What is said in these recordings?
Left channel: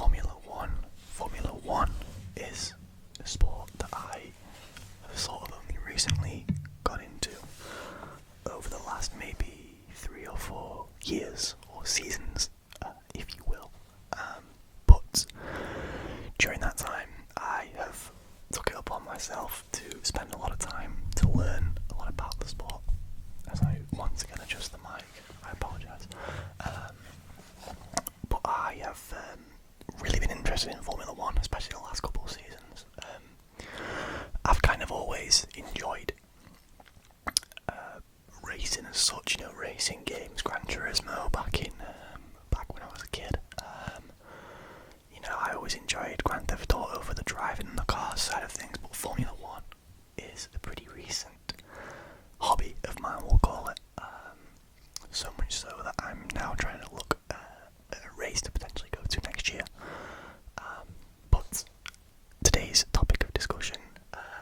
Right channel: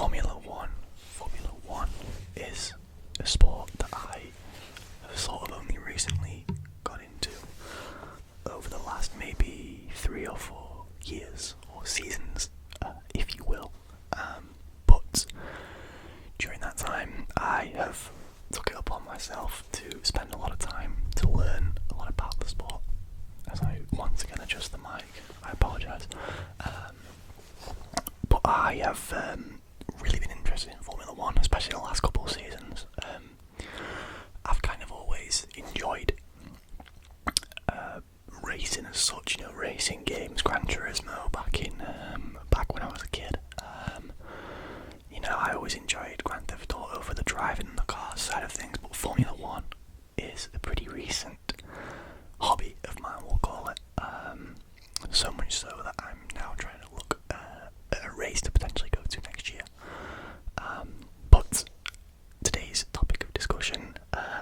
Formula One. Formula One is a sport that I have sort of only recently got into over the last maybe 3 or 4 years or seasons, if you will. But during that time, I have took it upon myself to spend a lot of time to learn a lot about the sport. As I once again adjust the mic, I apologise. But I have really been interested in Formula One, especially the last couple of seasons. I've kind of always enjoyed racing as such, racing games, Gran Turismo back when I was a kid. I always enjoyed Grand Theft Auto for the driving and the car side of things, but Formula One is a pretty recent hobby of mine, we'll call it. So much so that I'm now trying to look at a race to potentially go to next year. But today's topic of discussion,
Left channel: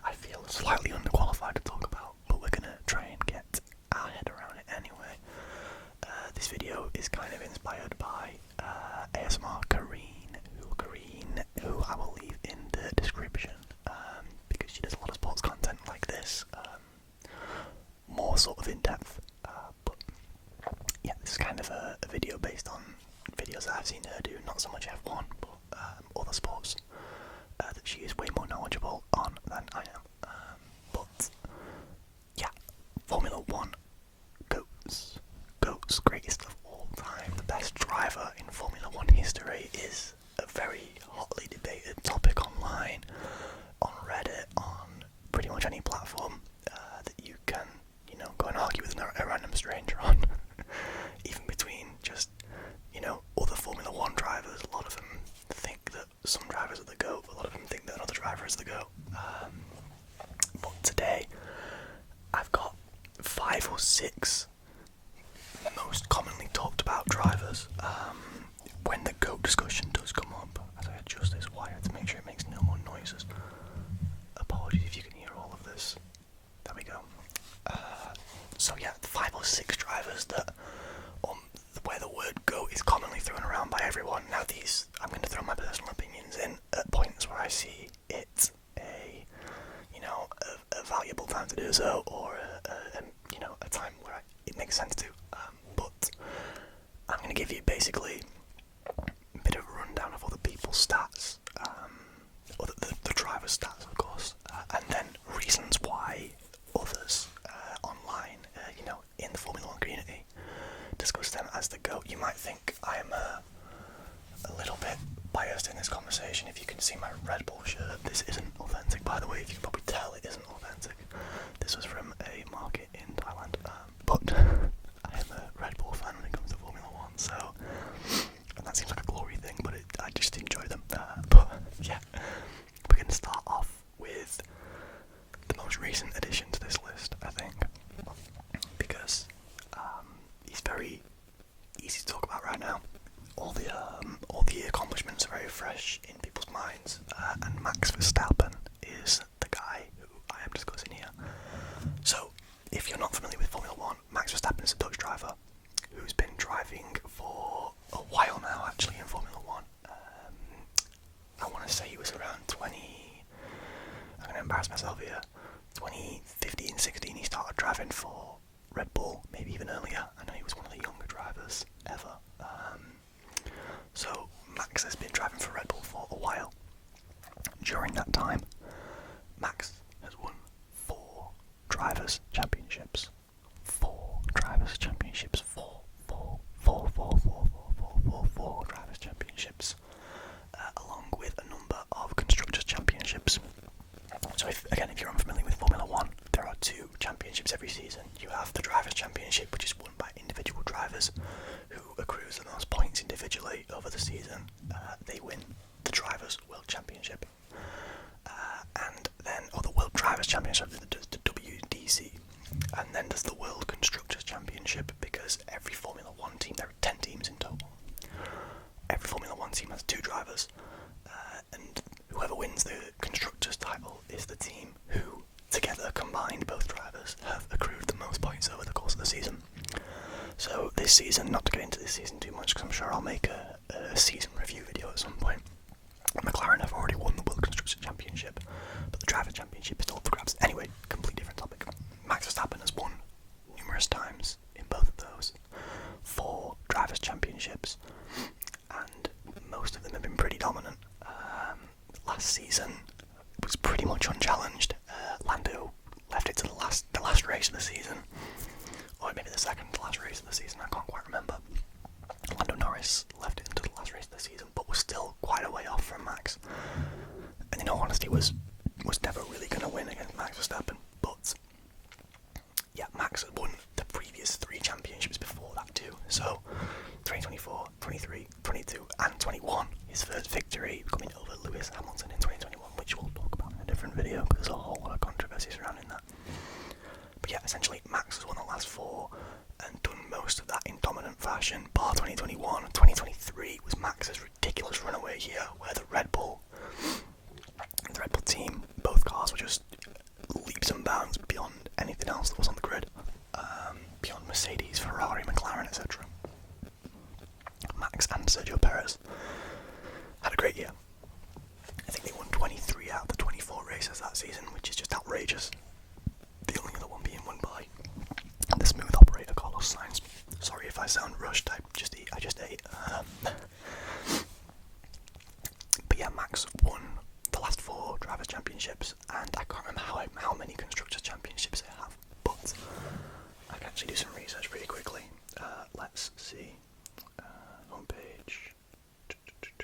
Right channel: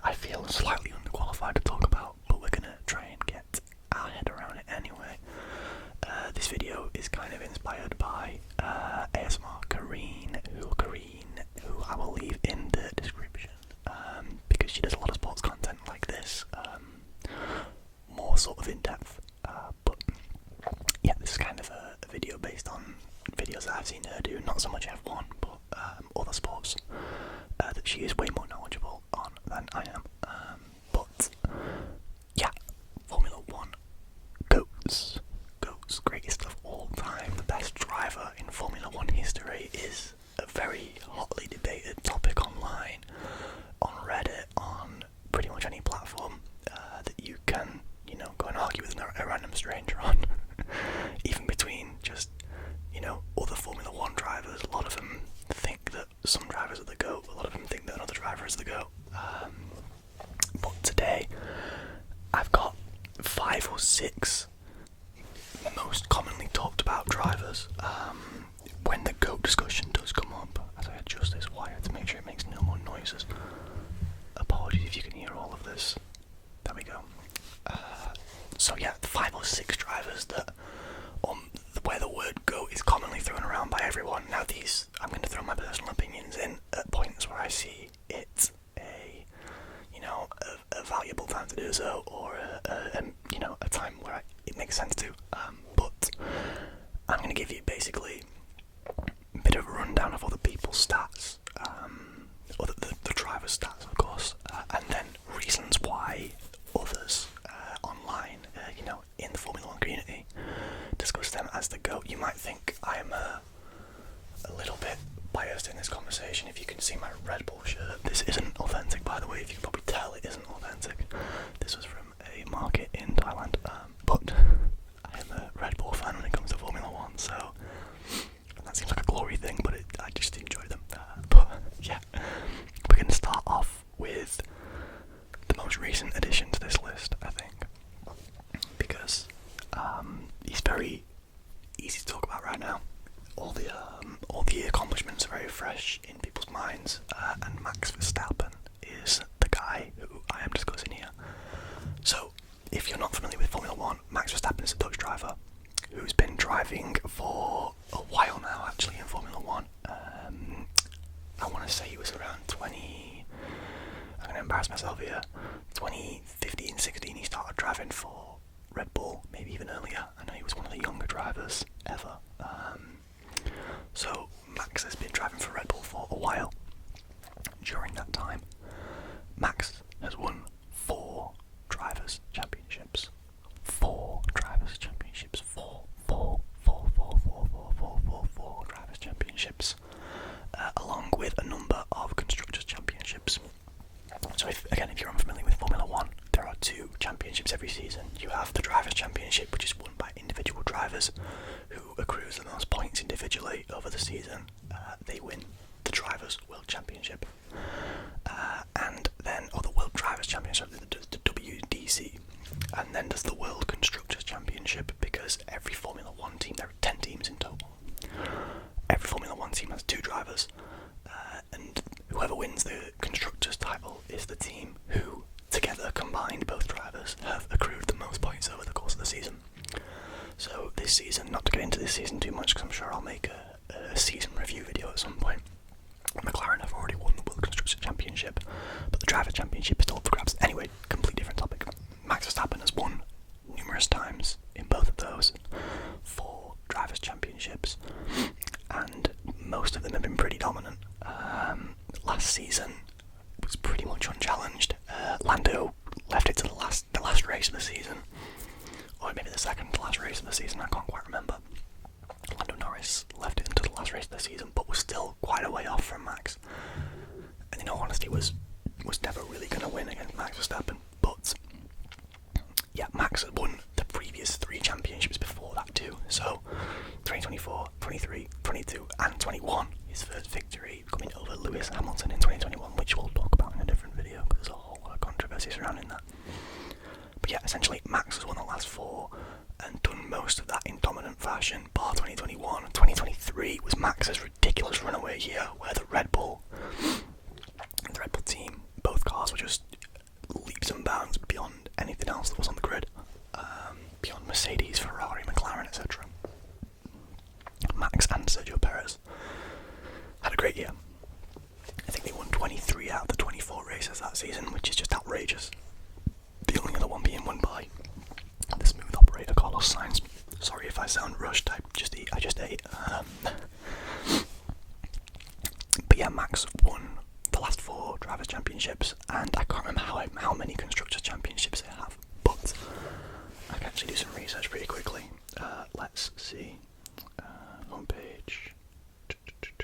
I feel slightly underqualified to talk about, but we're going to try and get our head around it anyway. This video is kind of inspired by ASMR Kareen, who I will leave in the description, because she does a lot of sports content like this, more sort of in depth. But yeah, this is kind of a video based on videos that I've seen her do, not so much F1, but other sports that she is way more knowledgeable on than I am. But yeah, Formula One, GOATs, greatest of all time, the best driver in Formula One history is a very hotly debated topic online, on Reddit, on pretty much any platform that you can, go and argue with a random stranger on. Even between just, other Formula One drivers, a lot of them think that some drivers are the GOAT, a lot of them think that another driver is the GOAT. But today, I've got 5 or 6 most commonly talked about drivers. When the GOAT discussion does come up, as I adjust this wire to make sure it makes no more noises. Apologies if you can hear all of this. There we go. So yeah, 5 or 6 drivers that, where the word GOAT is commonly thrown around by everyone. Now these, I'm going to throw my personal opinions in at points where I see it a valuable time to do so, or a time where it makes sense to. But I'm going to give you basically a bit of a rundown of other people's stats, or the driver's stats, of course, and then reasons why others online, in the Formula One community, discuss them as the GOAT. You might think I am a little bit biased in this conversation. If you can see my Red Bull shirt, this isn't authentic, by the way. If you can probably tell, it isn't authentic. This was from a market in Thailand, but I am a Red Bull fan when it comes to Formula One, so, and that seems like a glory thing, but I just enjoy them. But yeah, we're going to start off with the most recent addition to this list, I think, because he's very easy to talk about right now. All the accomplishments are very fresh in people's minds, and Max Verstappen is the guy who I am discussing here. So, if you're not familiar with Formula One, Max Verstappen is a Dutch driver who's been driving for a while now, actually, in Formula One. I want to say he was around I'm going to embarrass myself here, 2015, 16, he started driving for Red Bull, maybe even earlier. I know he was one of the younger drivers ever. So Max has been driving for Red Bull for a while. During that time, Max has won 4 drivers' championships. 4 drivers' championships. 4 drivers' championships. Along with a number of constructors' championships. So if you're unfamiliar with Formula One, there are 2 championships every season. You have the Drivers' Championship, which is won by individual drivers who accrues the most points individually over the season. They win the Drivers' World Championship. And then, the World Drivers' Championship, the WDC. And then there's the World Constructors' Championship, because every Formula One team, there are 10 teams in total. Every Formula One team has 2 drivers, and whoever wins the Constructors' title is the team who, together, combined, both drivers, have accrued the most points over the course of the season. So this season, not to get into this season too much, because I'm sure I'll make a season review video at some point, McLaren have already won the World Constructors' Championship, but the Drivers' Championship is still up for grabs. Anyway, completely different topic. Max Verstappen has won numerous times in both of those 4 Drivers' Championships, and most of them have been pretty dominant. Last season was pretty much unchallenged. Lando left it to the last race of the season, or maybe the second to last race of the season, I can't quite remember. Lando Norris left it until the last race of the season, but was still quite a way off from Max. And in all honesty, was never really going to win against Max Verstappen. But yeah, Max had won the previous 3 championships before that too. So 2024, 23, 22, and 21, his first victory coming over Lewis Hamilton in 2021, which we'll talk about in a different video because there's a whole lot of controversy surrounding that. But yeah, essentially Max has won the last 4 and done most of that in dominant fashion, bar 2021. 2023 was Max's ridiculous runaway year, where the Red Bull team, both cars were just leaps and bounds beyond anything else that was on the grid, beyond Mercedes, Ferrari, McLaren, etc. Max and Sergio Perez had a great year. I think they won 23 out of the 24 races that season, which is just outrageous. The only other one being won by the smooth operator Carlos Sainz. Sorry if I sound rushed, I just ate. But yeah, Max won the last 4 Drivers' Championships, and I can't remember how many Constructors' Championships they have, but I can actually do some research pretty quickly. Let's see. Homepage.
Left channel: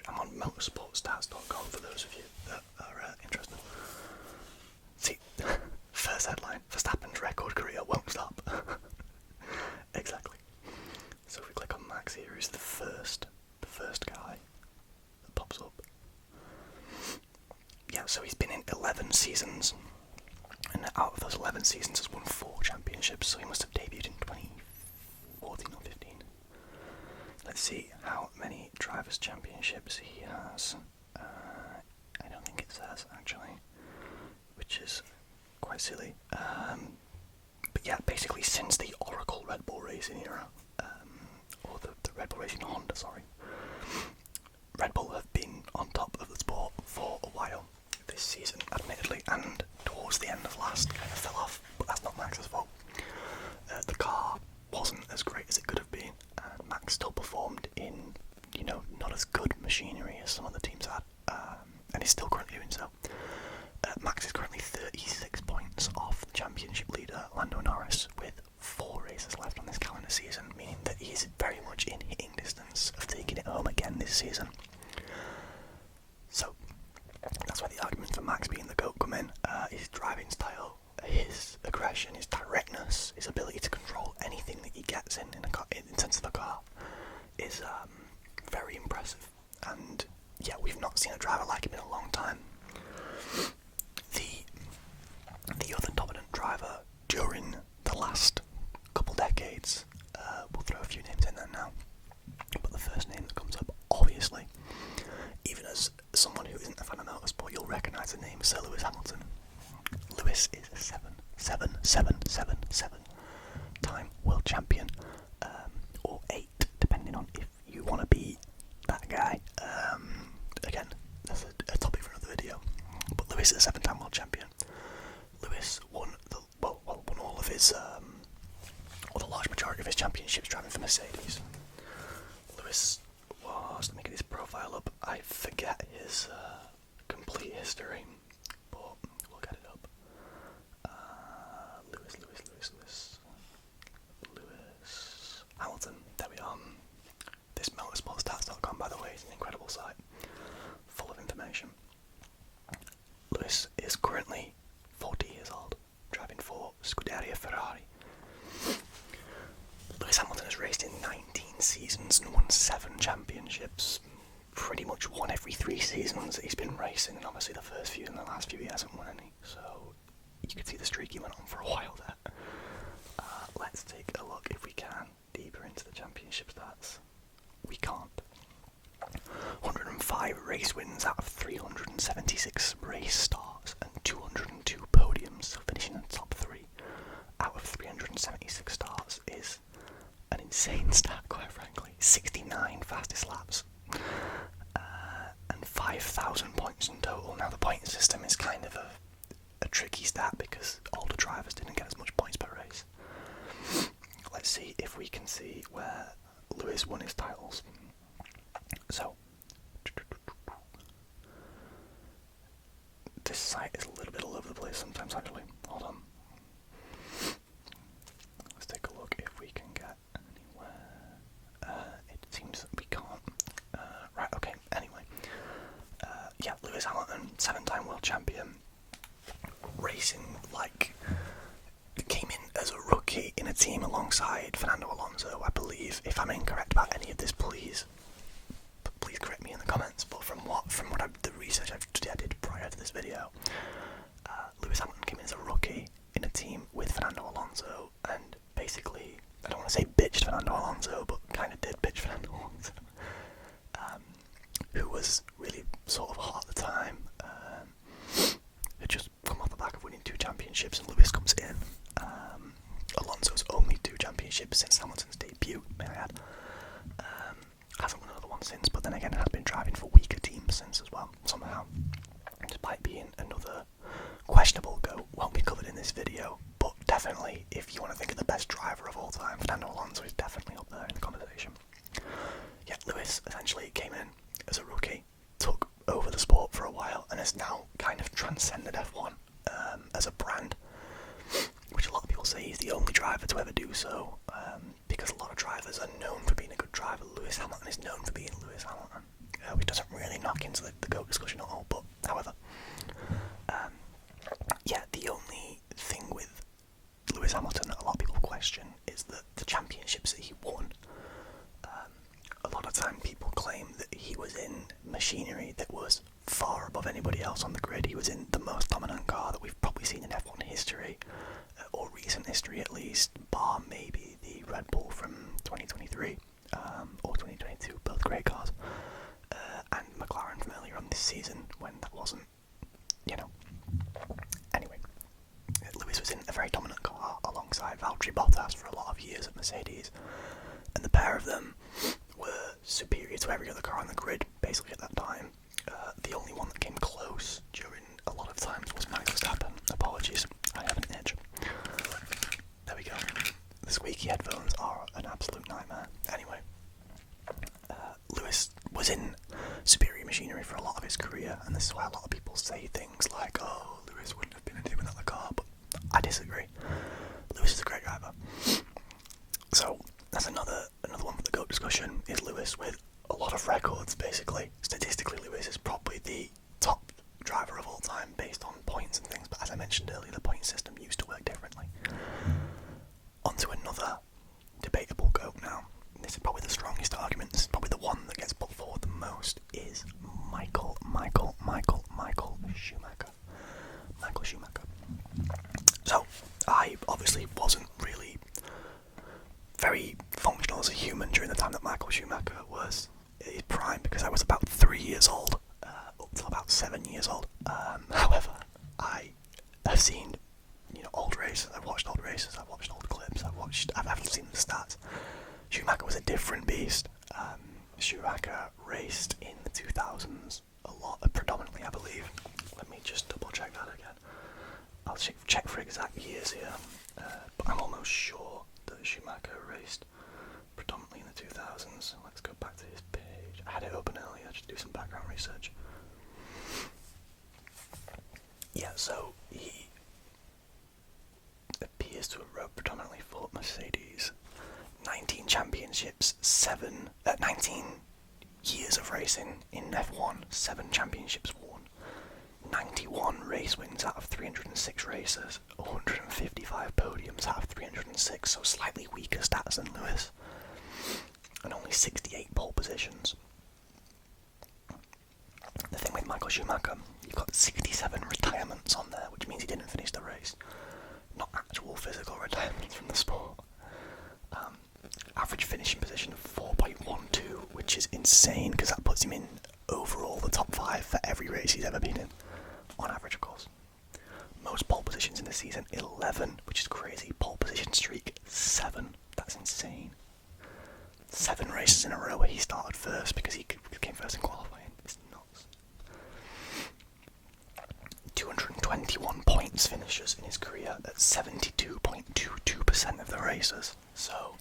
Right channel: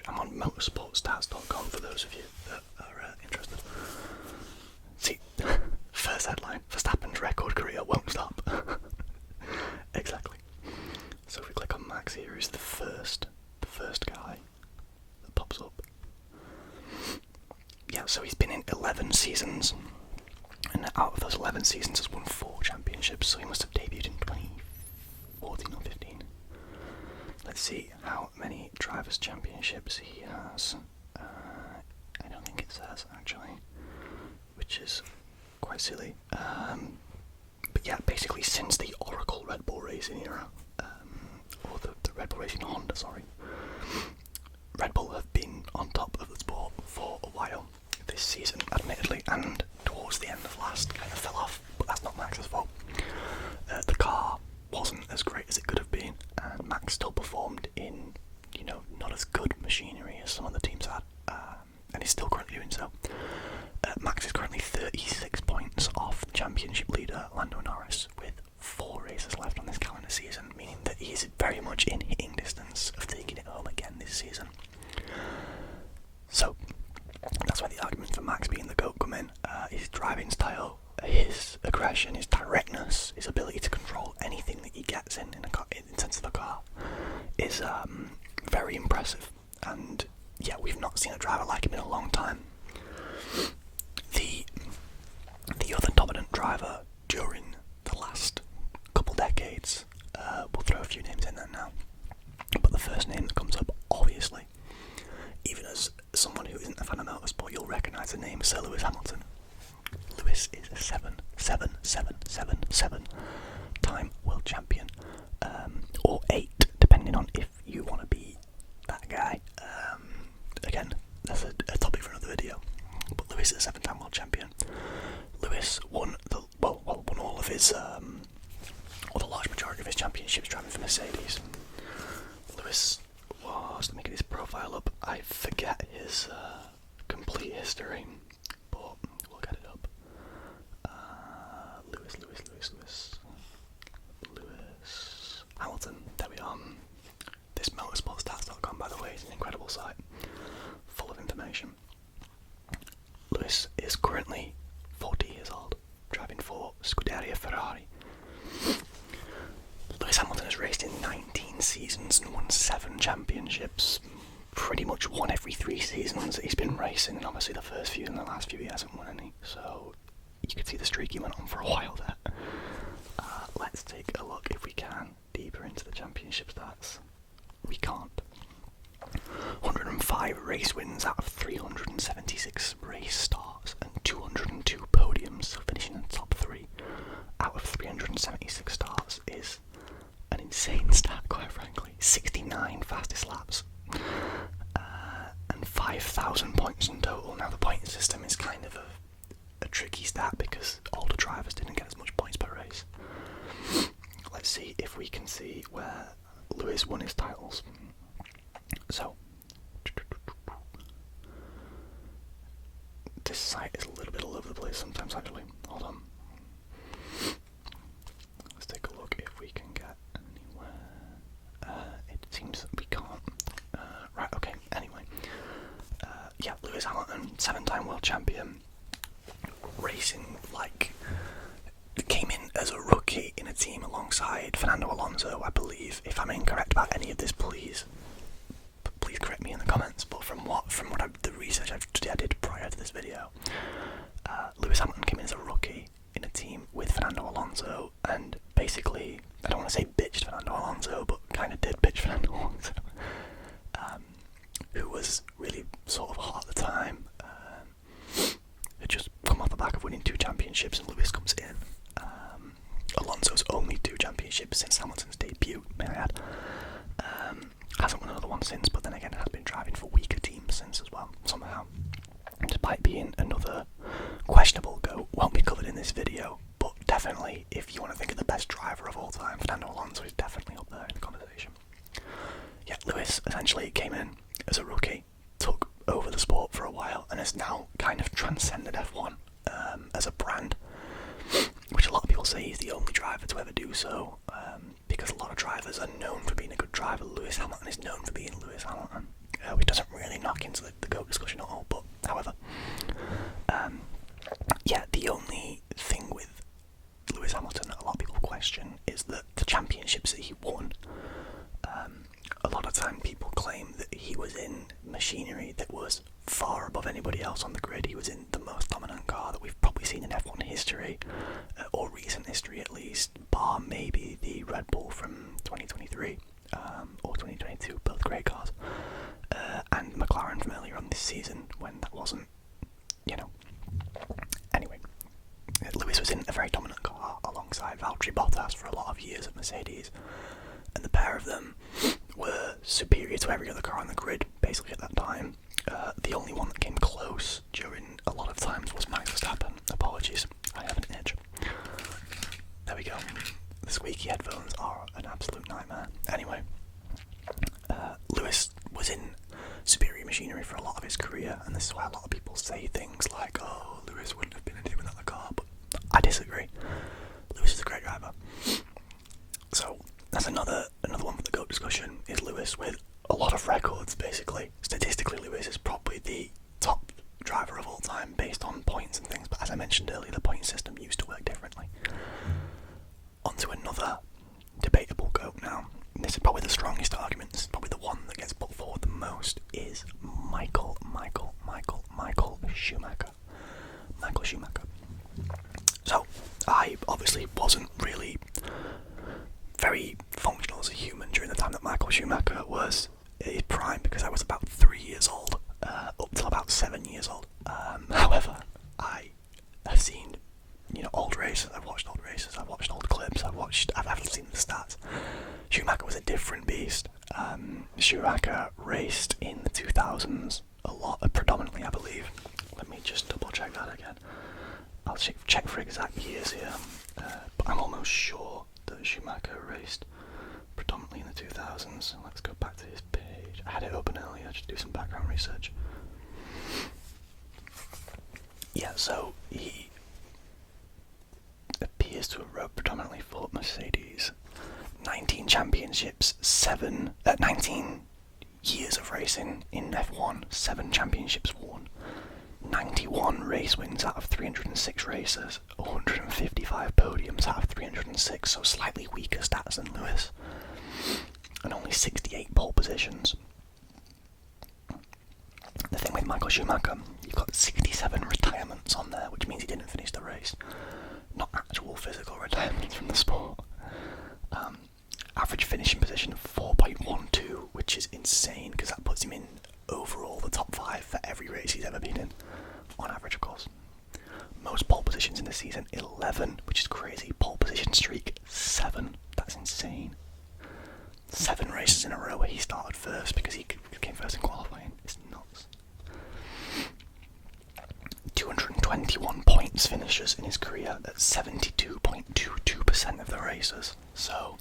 I'm on motorsportstats.com for those of you that are interested. See, first headline, Verstappen's record career won't stop. Exactly. So if we click on Max here, he's the first guy that pops up. Yeah, so he's been in 11 seasons, and out of those 11 seasons has won 4 championships, so he must have debuted in 2014 or 15. Let's see how many Drivers' Championships he has. I don't think it says, actually, which is quite silly. But yeah, basically since the Oracle Red Bull Racing era, or the Red Bull Racing Honda, sorry, Red Bull have been on top of the sport for a while. This season, admittedly, and towards the end of last, kind of fell off, but that's not Max's fault. The car wasn't as great as it could have been, and Max still performed in, not as good machinery as some of the teams had, and is still currently doing so. Max is currently 36 points off the championship leader Lando Norris, with 4 races left on this calendar season, meaning that he is very much in hitting distance of taking it home again this season. So that's where the arguments for Max being the GOAT come in. His driving style, his aggression, his directness, his ability to control anything that he gets in terms of a car is very impressive. And yeah, we've not seen a driver like him in a long time. The other dominant driver during the last couple decades, we'll throw a few names in there now, but the first name that comes up, obviously, even as someone who isn't a fan of motorsport, you'll recognise the name Sir Lewis Hamilton. Lewis is a 7 time world champion, or 8, depending on if you want to be that guy. Again, that's a topic for another video. But Lewis is a 7-time world champion. Lewis won all of his, or the large majority of his championships driving for Mercedes. Lewis was, let me get his profile up. I forget his complete history, but we'll get it up. Lewis Hamilton. There we are. This motorsportstats.com, by the way, is an incredible site, full of information. Lewis is currently 40 years old, driving for Scuderia Ferrari. Lewis Hamilton has raced in 19 seasons and won 7 championships. Pretty much won every 3 seasons that he's been racing, and obviously the first few and the last few he hasn't won any. So you could see the streak he went on for a while there. Let's take a look, if we can, deeper into the championship stats. We can't. 105 race wins out of 376 race starts and 202 podiums, so finishing in the top 3 out of 376 starts is an insane stat, quite frankly. 69 fastest laps, and 5,000 points in total. Now the point system is kind of a tricky stat because older drivers didn't get as much points per race. Let's see if we can see where Lewis won his titles. So, this site is a little bit all over the place sometimes actually. Hold on. Let's take a look if we can get anywhere. It seems that we can't. Right, okay, anyway. Yeah, Lewis Hamilton, 7-time world champion. Racing came in as a rookie in a team alongside Fernando Alonso, I believe. If I'm incorrect about any of this, please correct me in the comments. But from the research I did prior to this video, Lewis Hamilton came in as a rookie in a team with Fernando Alonso, and basically, I don't want to say bitched Fernando Alonso, but kind of did bitch Fernando Alonso, who was really sort of hot at the time. Had just come off the back of winning 2 championships, and Lewis comes in. Alonso's only 2 championships since Hamilton's debut, may I add. Hasn't won another one since, but then again has been driving for weaker teams since as well, somehow. Despite being another questionable GOAT, won't be covered in this video, but definitely, if you want to think of the best driver of all time, Fernando Alonso is definitely up there in the conversation. Yeah, Lewis essentially came in as a rookie, took over the sport for a while, and has now kind of transcended F1 as a brand, which a lot of people say he's the only driver to ever do so, because a lot of drivers are known for being a good driver. Lewis Hamilton is known for being Lewis Hamilton, which doesn't really knock into the GOAT discussion at all, but however, yeah, the only thing with Lewis Hamilton that a lot of people question is that the championships that he won, a lot of time people claim that he was in machinery that was far above anybody else on the grid. He was in the most dominant car that we've probably seen in F1 history, or recent history at least, bar maybe the Red Bull from 2023 or 2022, both great cars, and McLaren from earlier on this season when that wasn't, Anyway, Lewis was in a very dominant car alongside Valtteri Bottas for a lot of years at Mercedes, and the pair of them were superior to every other car on the grid, basically at that time. The only one that came close during a lot of times was Max Verstappen. Apologies, I have an itch. There we go. The squeaky headphones are an absolute nightmare. Anyway, Lewis was in superior machinery for a lot of his career, and this is why a lot of people say things like, oh, Lewis wouldn't have been in it without the car, but I disagree. Lewis is a great driver. So that's another one for the GOAT discussion, is Lewis with a lot of records, basically. Statistically, Lewis is probably the top driver of all time based on points and things, but as I mentioned earlier, the point system used to work differently. On to another debatable GOAT now. This is probably the strongest argument, this is probably the one that gets put forward the most, is Michael Schumacher. Michael Schumacher. So, I obviously wasn't really very functional as a human during the time that Michael Schumacher was at his prime, because I was about 3 years old, up till about 7 years old. However, I have seen, old races, I've watched old races, I've watched old clips, I've seen the stats. Schumacher was a different beast. Schumacher raced in the 2000s a lot, predominantly I believe. Let me just double check that again. I'll check for exact years here, but I'm almost sure that Schumacher raced predominantly in the 2000s. Let's go back to his page. I had it open earlier, just do some background research. Yeah, so he appears to have rode predominantly for Mercedes. 19 championships, 19 years of racing in F1, 7 championships won, 91 race wins out of 306 races, 155 podiums out of 306, so slightly weaker stats than Lewis, and only 68 pole positions. The thing with Michael Schumacher, you've got 67 retirements on there, which means he didn't finish the race, not actual physical retirements from the sport. Average finishing position of 4.12, which is insane, because that puts him in overall the top 5 for every race he's ever been in, on average of course. Most pole positions in the season, 11, which is crazy. Pole position streak, 7, that's insane. 7 races in a row where he started first, because he came first in qualifying, it's nuts. points finishes in his career at 72.22% of the races. So,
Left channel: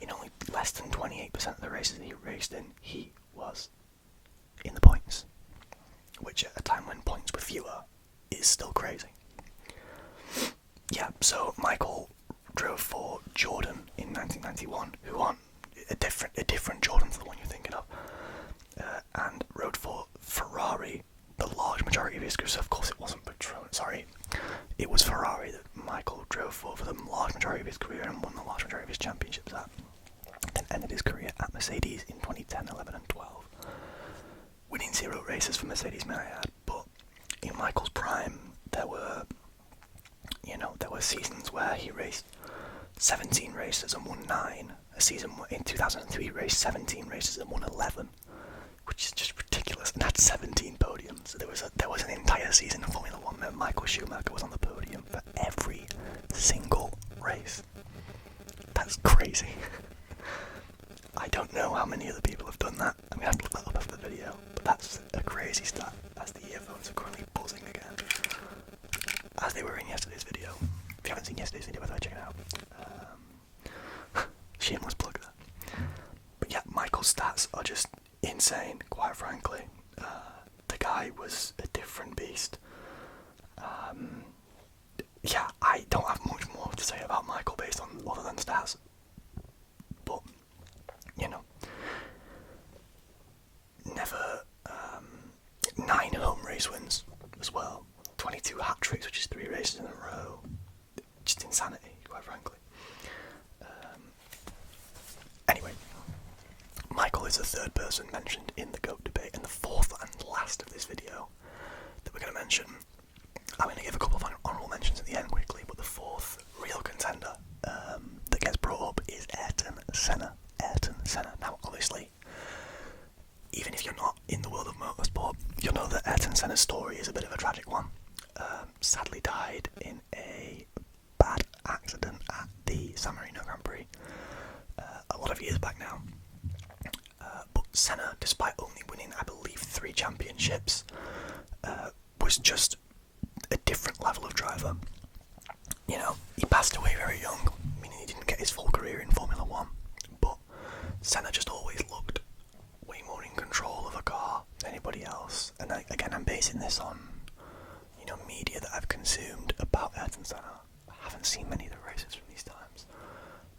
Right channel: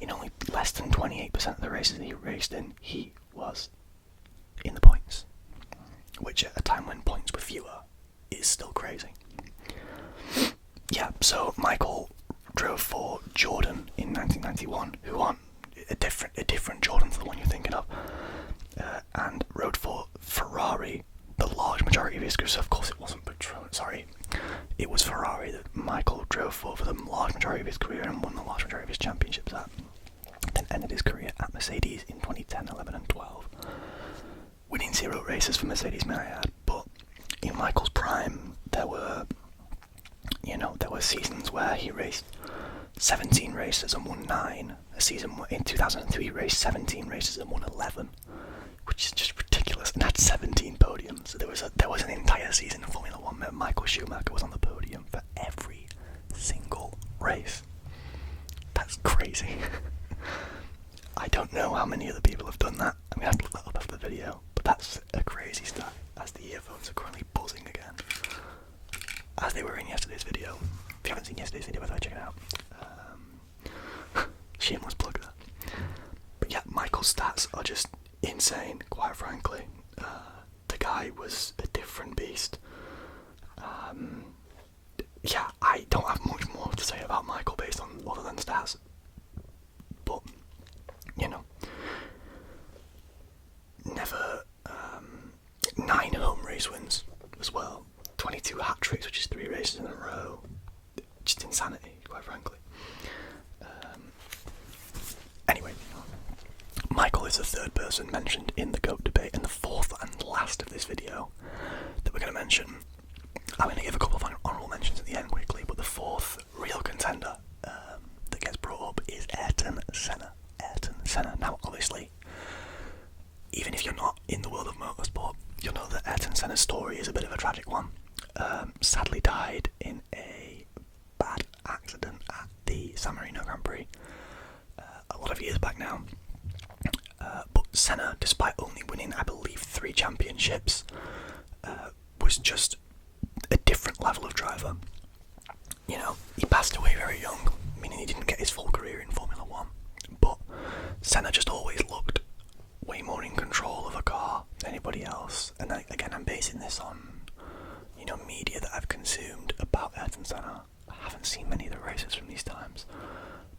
in only less than 28% of the races he raced in, he was in the points. Which at a time when points were fewer is still crazy. Yeah, so Michael drove for Jordan in 1991, who won a different Jordan to the one you're thinking of, and rode for Ferrari the large majority of his career. So of course it wasn't Patron, sorry, it was Ferrari that Michael drove for the large majority of his career and won the large majority of his championships at. Then ended his career at Mercedes in 2010, 11 and 12. Winning 0 races for Mercedes, may I add, but in Michael's prime there were seasons where he raced 17 races and won 9. A season in 2003 he raced 17 races and won 11, which is just ridiculous, and had 17 podiums. So there was an entire season of Formula 1 where Michael Schumacher was on the podium for every single race. That's crazy. I don't know how many other people have done that. I'm going to have to look that up after the video, but that's a crazy stat, as the earphones are currently buzzing again, as they were in yesterday's video. If you haven't seen yesterday's video, by the way, check it out. Shameless plug there. But yeah, Michael's stats are just insane, quite frankly. The guy was a different beast. Yeah, I don't have much more to say about Michael based on other than stats. But, never 9 home race wins as well. 22 hat-tricks, which is 3 races in a row. Just insanity, quite frankly. Anyway, Michael is the third person mentioned in the GOAT debate, and the fourth and last of this video that we're going to mention. I'm going to give a couple of honourable mentions at the end quickly, but the fourth real contender that gets brought up is Ayrton Senna. Ayrton Senna. Now, obviously, even if you're not in the world of motorsport, you'll know that Ayrton Senna's story is a bit of a tragic one. Sadly died in a bad accident at the San Marino Grand Prix a lot of years back now. But Senna, despite only winning, I believe, 3 championships, was just a different level of driver. He passed away very young, meaning he didn't get his full career in Formula 1, but Senna just always looked way more in control of a car than anybody else. And again, I'm basing this on media that I've consumed about Ayrton Senna. I haven't seen many of the races from these times,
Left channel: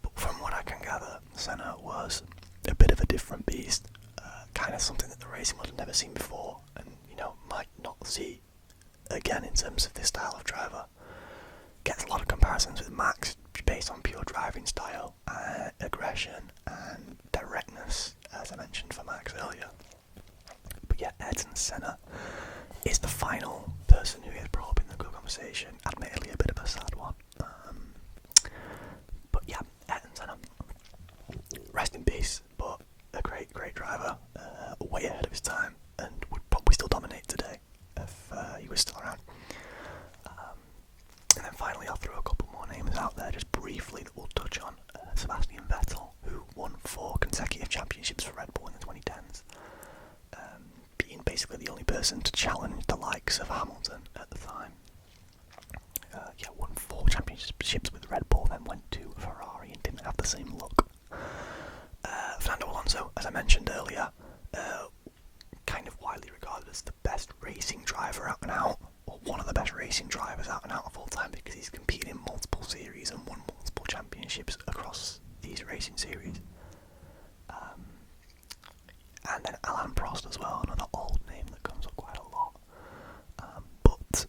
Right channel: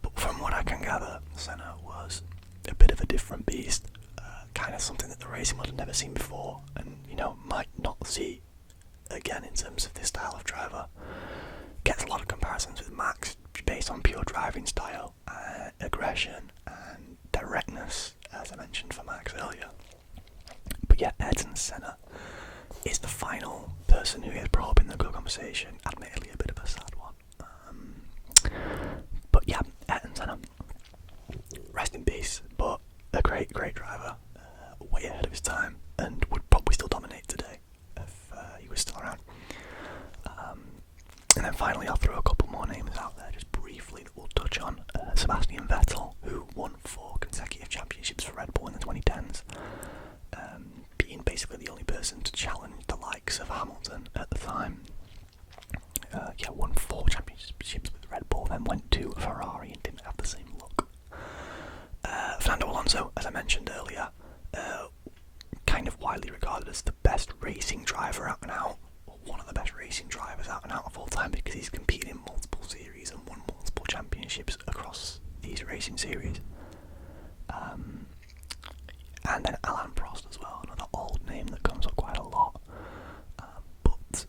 but from what I can gather, Senna was a bit of a different beast, kind of something that the racing world had never seen before, and might not see again in terms of this style of driver. Gets a lot of comparisons with Max based on pure driving style, aggression and directness, as I mentioned for Max earlier. But yeah, Ayrton Senna is the final person who gets brought up in the GOAT conversation. Admittedly, a bit of a sad one. But yeah, Ayrton Senna, rest in peace, but a great driver, way ahead of his time, and would probably still dominate today if he was still around. And then finally, I'll throw a couple more names out there just briefly that we'll touch on. Sebastian Vettel, who won 4 consecutive championships for Red Bull in the 2010s, being basically the only person to challenge the likes of Hamilton at the time. Won 4 championships with Red Bull, then went to Ferrari and didn't have the same look. Fernando Alonso, as I mentioned earlier, kind of widely regarded as the best racing driver out and out, or one of the best racing drivers out and out of all time, because he's competed in multiple series and won multiple championships across these racing series. And then Alain Prost as well, another old name that comes up quite a lot. But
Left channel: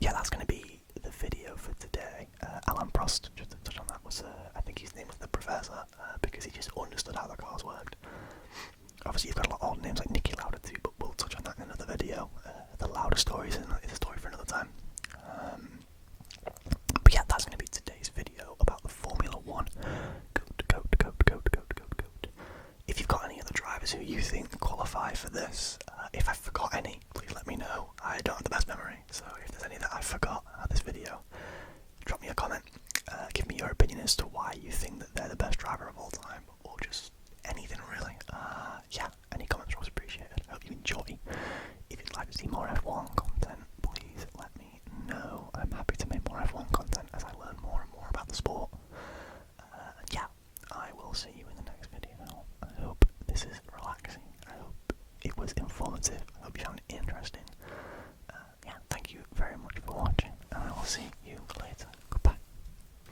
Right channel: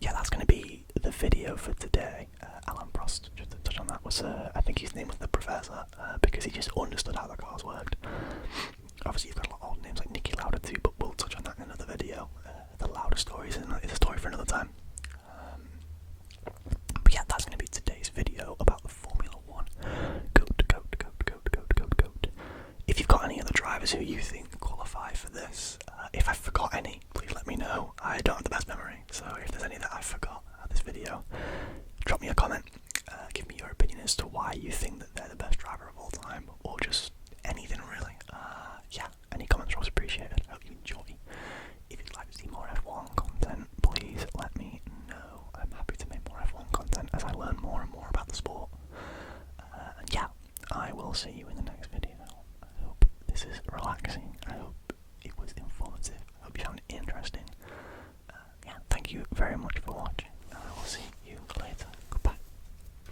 yeah, that's going to be the video for today. Alain Prost, just to touch on that, was I think his name was the Professor, because he just understood how the cars worked. Obviously you've got a lot of old names like Niki Lauda too, but we'll touch on that in another video. The Lauda story is a story for another time. But yeah, that's going to be today's video about the Formula 1 GOAT. If you've got any other drivers who you think qualify for this, if I forgot any, please let me know. I don't have the best memory, so if there's any that I forgot at this video, drop me a comment. Give me your opinion as to why you think that they're the best driver of all time, or just anything really. Yeah, any comments are always appreciated. I hope you enjoy. If you'd like to see more F1 content, please let me know. I'm happy to was informative. I hope you found it interesting.